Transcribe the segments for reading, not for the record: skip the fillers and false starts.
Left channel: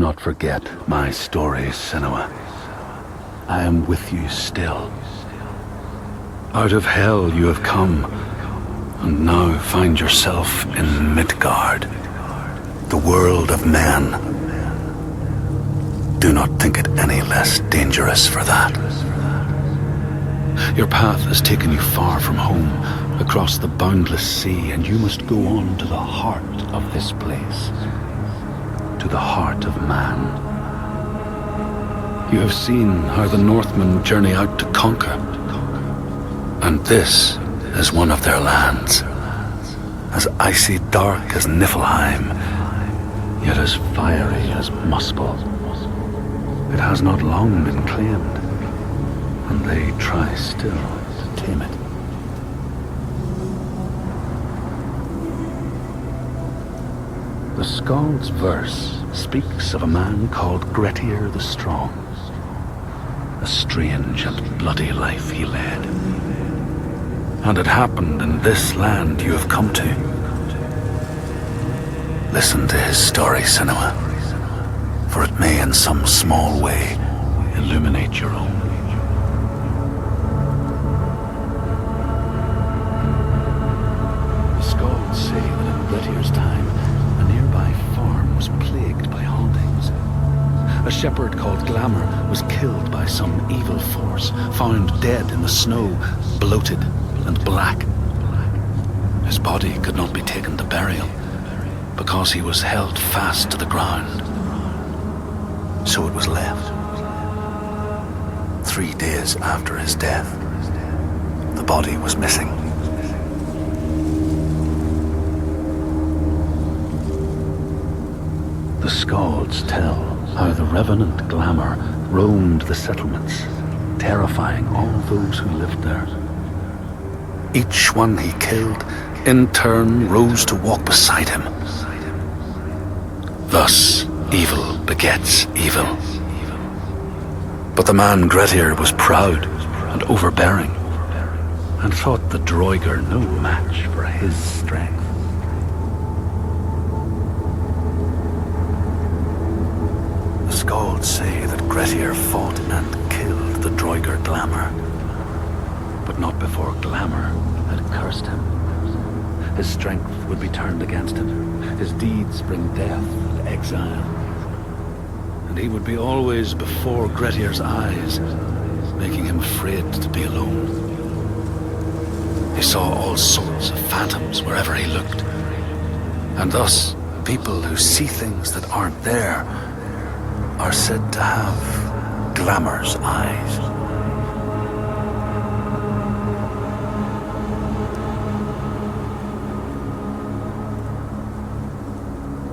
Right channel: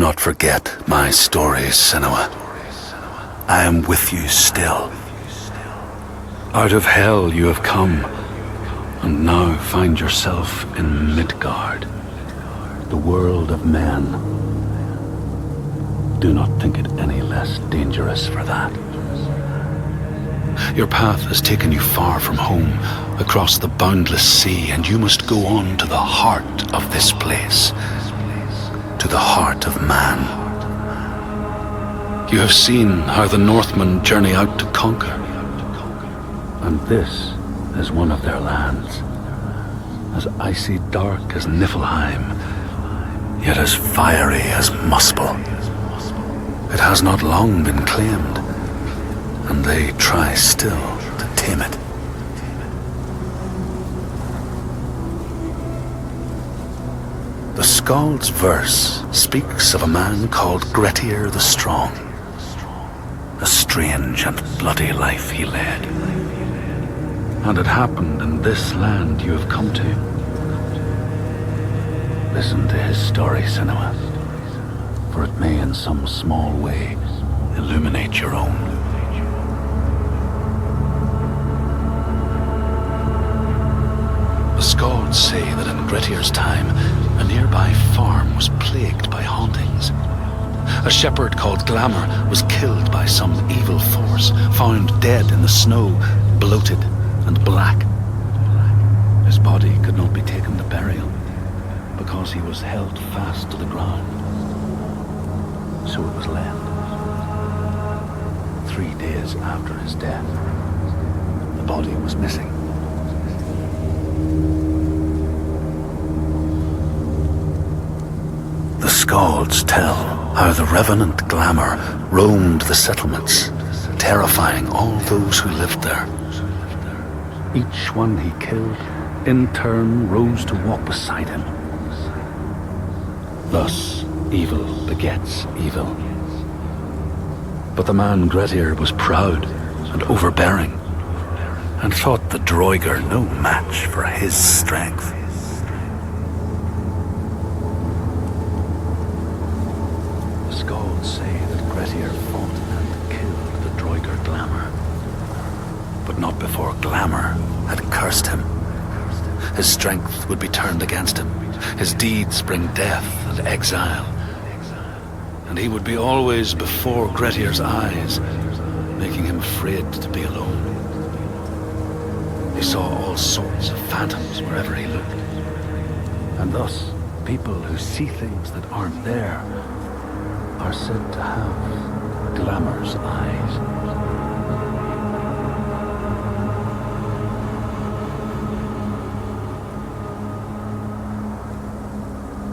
not forget my stories, Senua. I am with you still. Out of hell you have come, and now find yourself in Midgard, the world of men. Do not think it any less dangerous for that. Your path has taken you far from home, across the boundless sea, and you must go on to the heart of this place, to the heart of man. You have seen how the Northmen journey out to conquer, and this is one of their lands, as icy dark as Niflheim, yet as fiery as Muspel. It has not long been claimed, and they try still to tame it. The Skald's verse speaks of a man called Grettir the Strong. A strange and bloody life he led. And it happened in this land you have come to. Listen to his story, Senua, for it may in some small way illuminate your own. The Skalds say that in Grettir's time, a nearby farm was plagued by hauntings. A shepherd called Glamour was killed by some evil force, found dead in the snow, bloated and black. His body could not be taken to burial, because he was held fast to the ground. So it was left. 3 days after his death, the body was missing. The Skalds tell how the revenant Glamour roamed the settlements, terrifying all those who lived there. Each one he killed, in turn, rose to walk beside him. Thus, evil begets evil. But the man Grettir was proud and overbearing, and thought the Droiger no match for his strength. The Skalds say that Grettir fought and killed the Droiger Glamour, but not before Glamour had cursed him. His strength would be turned against him, his deeds bring death and exile, and he would be always before Grettir's eyes, making him afraid to be alone. He saw all sorts of phantoms wherever he looked, and thus people who see things that aren't there are said to have Glamour's eyes.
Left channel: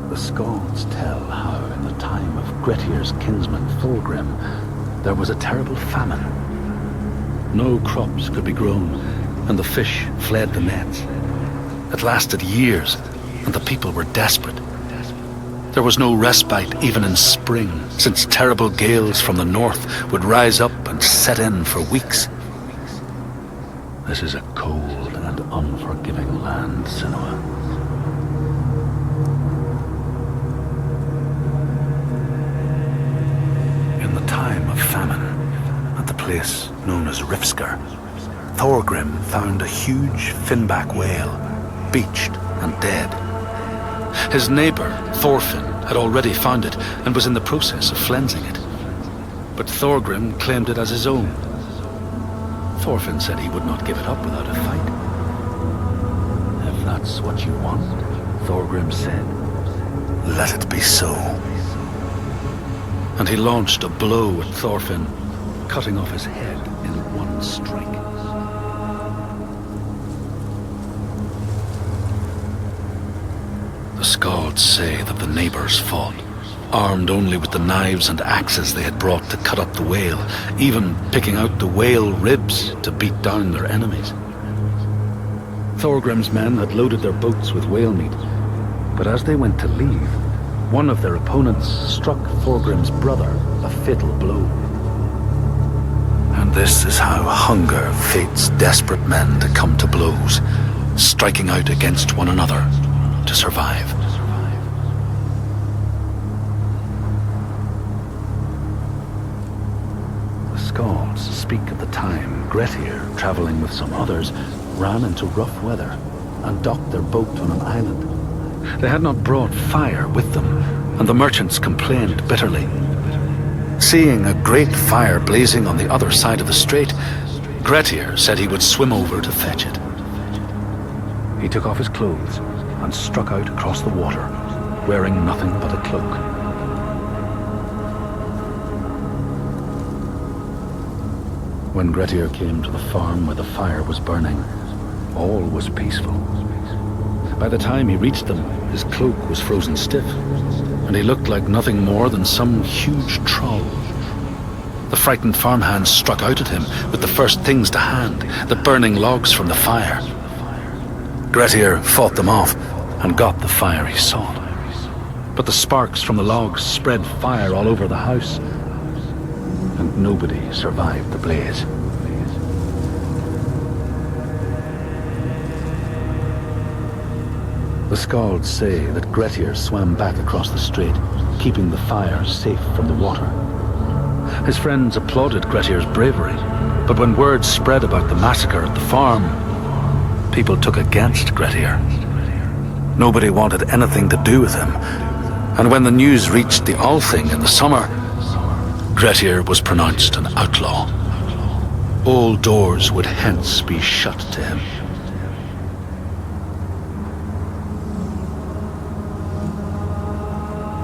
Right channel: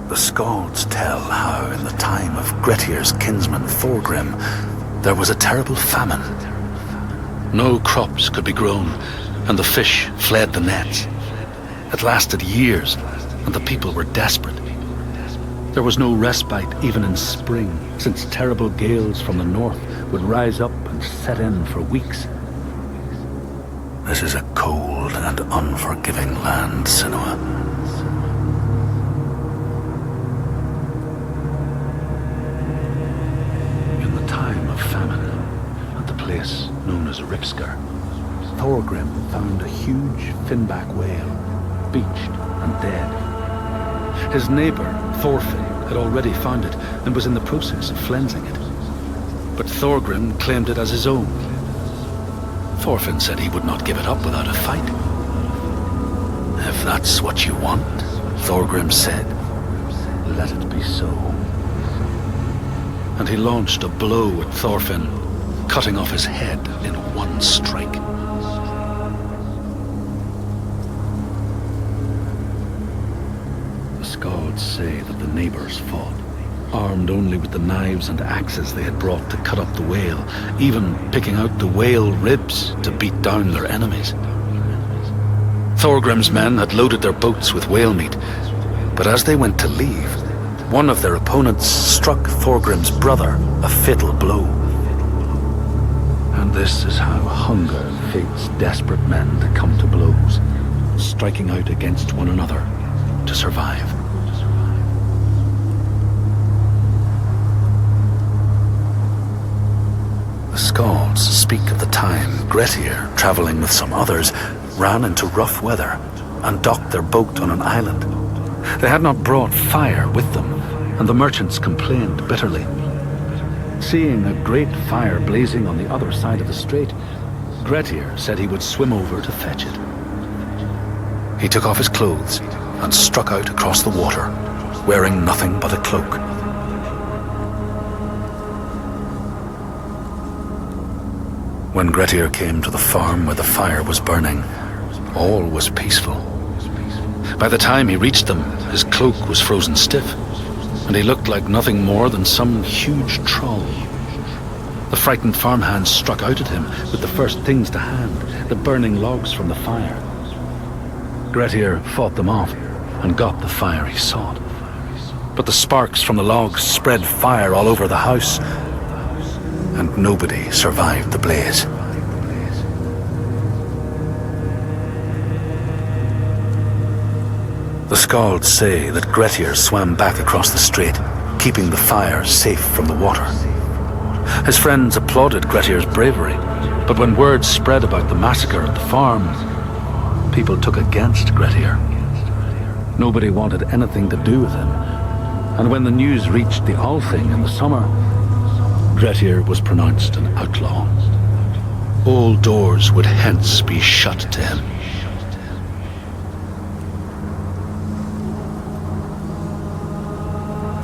The Skalds tell how in the time of Grettir's kinsman Thorgrim, there was a terrible famine. No crops could be grown, and the fish fled the nets. It lasted years, and the people were desperate. There was no respite even in spring, since terrible gales from the north would rise up and set in for weeks. This is a cold and unforgiving land, Senua. In the time of famine, at the place known as Rifskar, Thorgrim found a huge finback whale, beached and dead. His neighbour, Thorfinn, had already found it and was in the process of flensing it. But Thorgrim claimed it as his own. Thorfinn said he would not give it up without a fight. If that's what you want, Thorgrim said, let it be so. And he launched a blow at Thorfinn, cutting off his head in one strike. The Skalds say that the neighbours fought, armed only with the knives and axes they had brought to cut up the whale, even picking out the whale ribs to beat down their enemies. Thorgrim's men had loaded their boats with whale meat, but as they went to leave, one of their opponents struck Thorgrim's brother a fatal blow. And this is how hunger fates desperate men to come to blows, striking out against one another to survive. The Skalds speak of the time Grettir, travelling with some others, ran into rough weather and docked their boat on an island. They had not brought fire with them, and the merchants complained bitterly. Seeing a great fire blazing on the other side of the strait, Grettir said he would swim over to fetch it. He took off his clothes and struck out across the water, wearing nothing but a cloak. When Grettir came to the farm where the fire was burning, all was peaceful. By the time he reached them, his cloak was frozen stiff, and he looked like nothing more than some huge troll. The frightened farmhands struck out at him with the first things to hand, the burning logs from the fire. Grettir fought them off and got the fire he sought. But the sparks from the logs spread fire all over the house, and nobody survived the blaze. The Skalds say that Grettir swam back across the strait, keeping the fire safe from the water. His friends applauded Grettir's bravery, but when word spread about the massacre at the farm, people took against Grettir. Nobody wanted anything to do with him, and when the news reached the Althing in the summer, Grettir was pronounced an outlaw. All doors would hence be shut to him.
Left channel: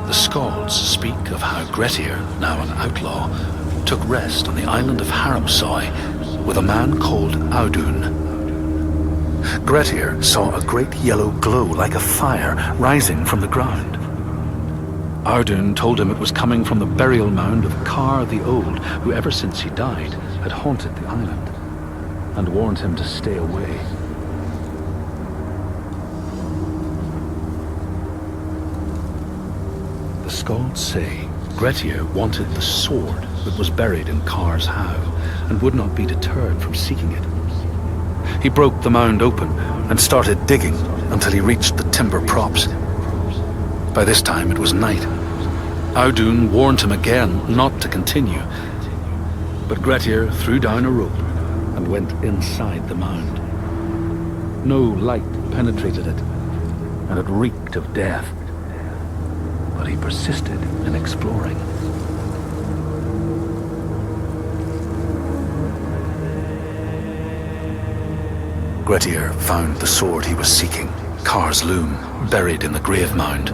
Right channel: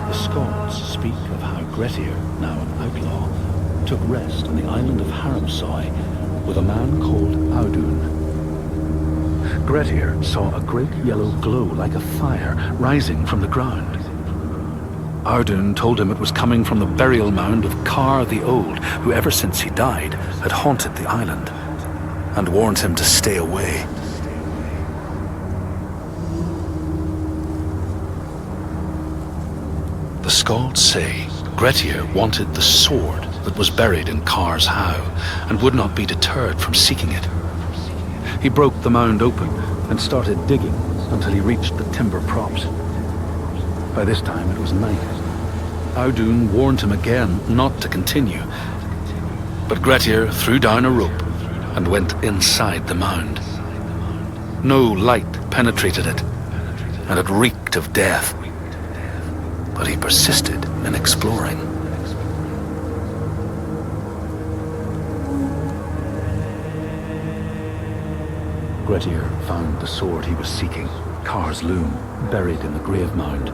The Skalds speak of how Grettir, now an outlaw, took rest on the island of Haramsoy with a man called Audun. Grettir saw a great yellow glow like a fire rising from the ground. Audun told him it was coming from the burial mound of Kar the Old, who ever since he died had haunted the island, and warned him to stay away. The Skalds say Grettir wanted the sword that was buried in Kar's howe, and would not be deterred from seeking it. He broke the mound open and started digging until he reached the timber props. By this time it was night. Audun warned him again not to continue, but Grettir threw down a rope and went inside the mound. No light penetrated it, and it reeked of death. But he persisted in exploring. Grettir found the sword he was seeking, Kar's loom, buried in the grave mound.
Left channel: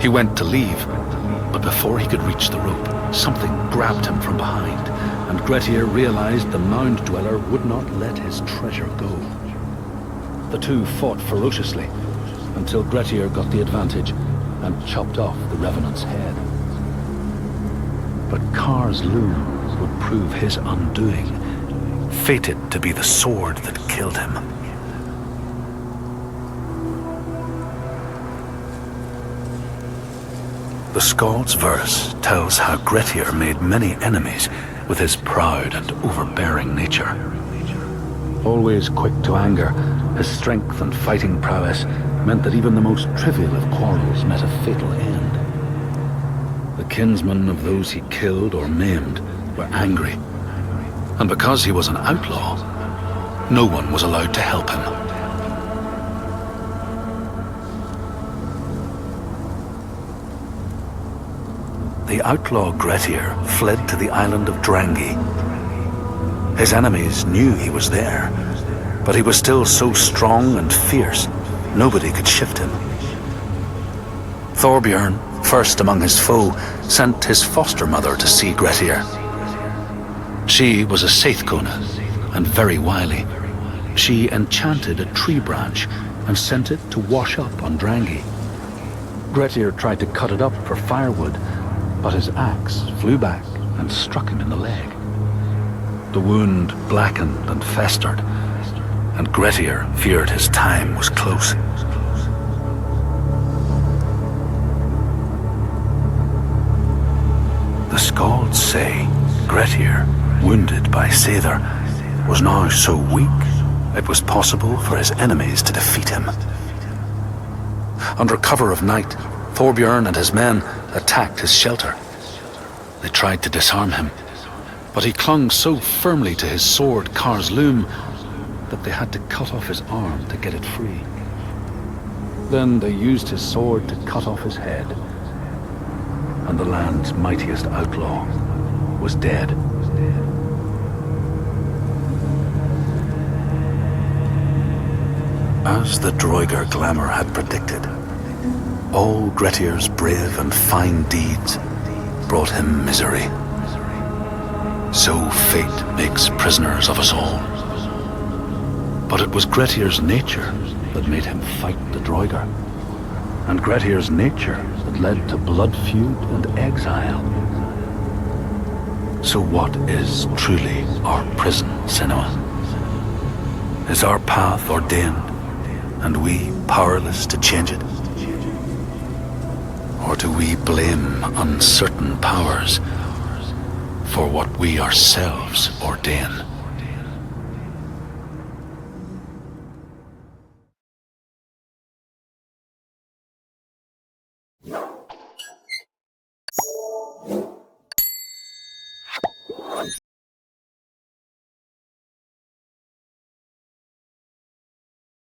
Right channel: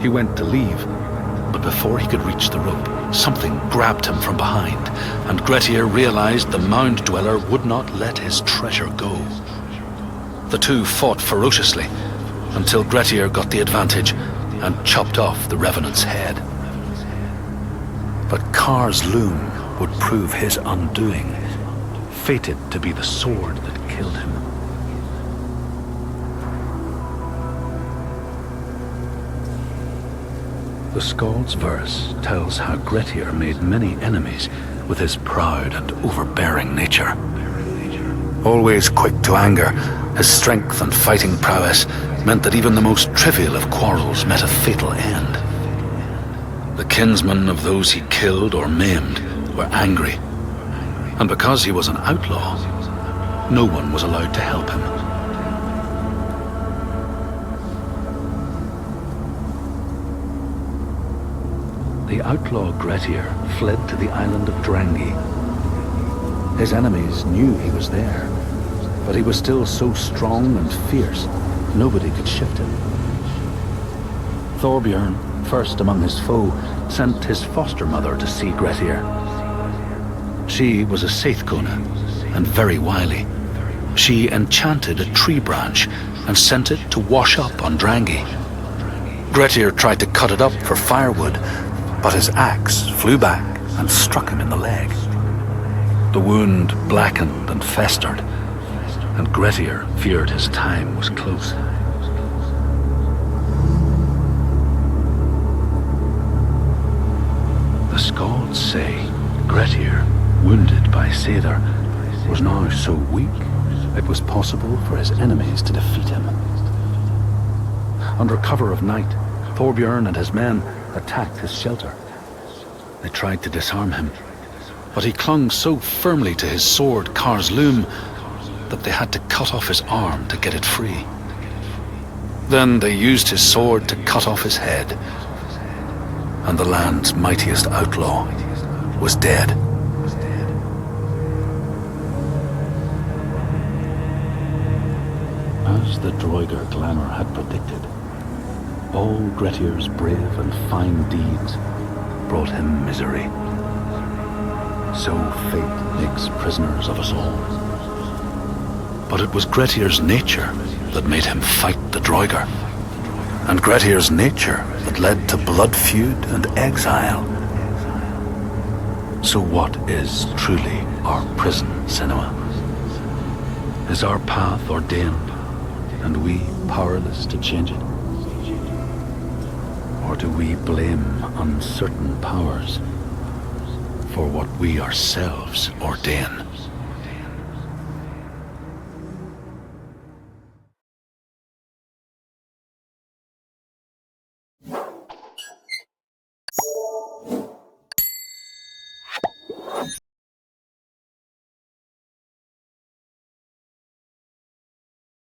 He went to leave, but before he could reach the rope, something grabbed him from behind, and Grettir realized the mound dweller would not let his treasure go. The two fought ferociously until Grettir got the advantage and chopped off the revenant's head. But Kar's loom would prove his undoing, fated to be the sword that killed him. The Skald's verse tells how Grettir made many enemies with his proud and overbearing nature. Always quick to anger, his strength and fighting prowess meant that even the most trivial of quarrels met a fatal end. The kinsmen of those he killed or maimed were angry, and because he was an outlaw, no one was allowed to help him. The outlaw Grettir fled to the island of Drangi. His enemies knew he was there, but he was still so strong and fierce, nobody could shift him. Thorbjorn, first among his foe, sent his foster mother to see Grettir. She was a Seithkona, and very wily. She enchanted a tree branch and sent it to wash up on Drangi. Grettir tried to cut it up for firewood, but his axe flew back and struck him in the leg. The wound blackened and festered, and Grettir feared his time was close. The Skalds say Grettir, wounded by Seidr, was now so weak it was possible for his enemies to defeat him. Under cover of night, Thorbjorn and his men attacked his shelter. They tried to disarm him, but he clung so firmly to his sword, Kar's loom, that they had to cut off his arm to get it free. Then they used his sword to cut off his head, and the land's mightiest outlaw was dead. As the Droigar glamour had predicted, all Grettir's brave and fine deeds brought him misery. So fate makes prisoners of us all. But it was Grettir's nature that made him fight the Droigar, and Grettir's nature that led to blood feud and exile. So what is truly our prison, Senua? Is our path ordained, and we powerless to change it? Or do we blame uncertain powers for what we ourselves ordain?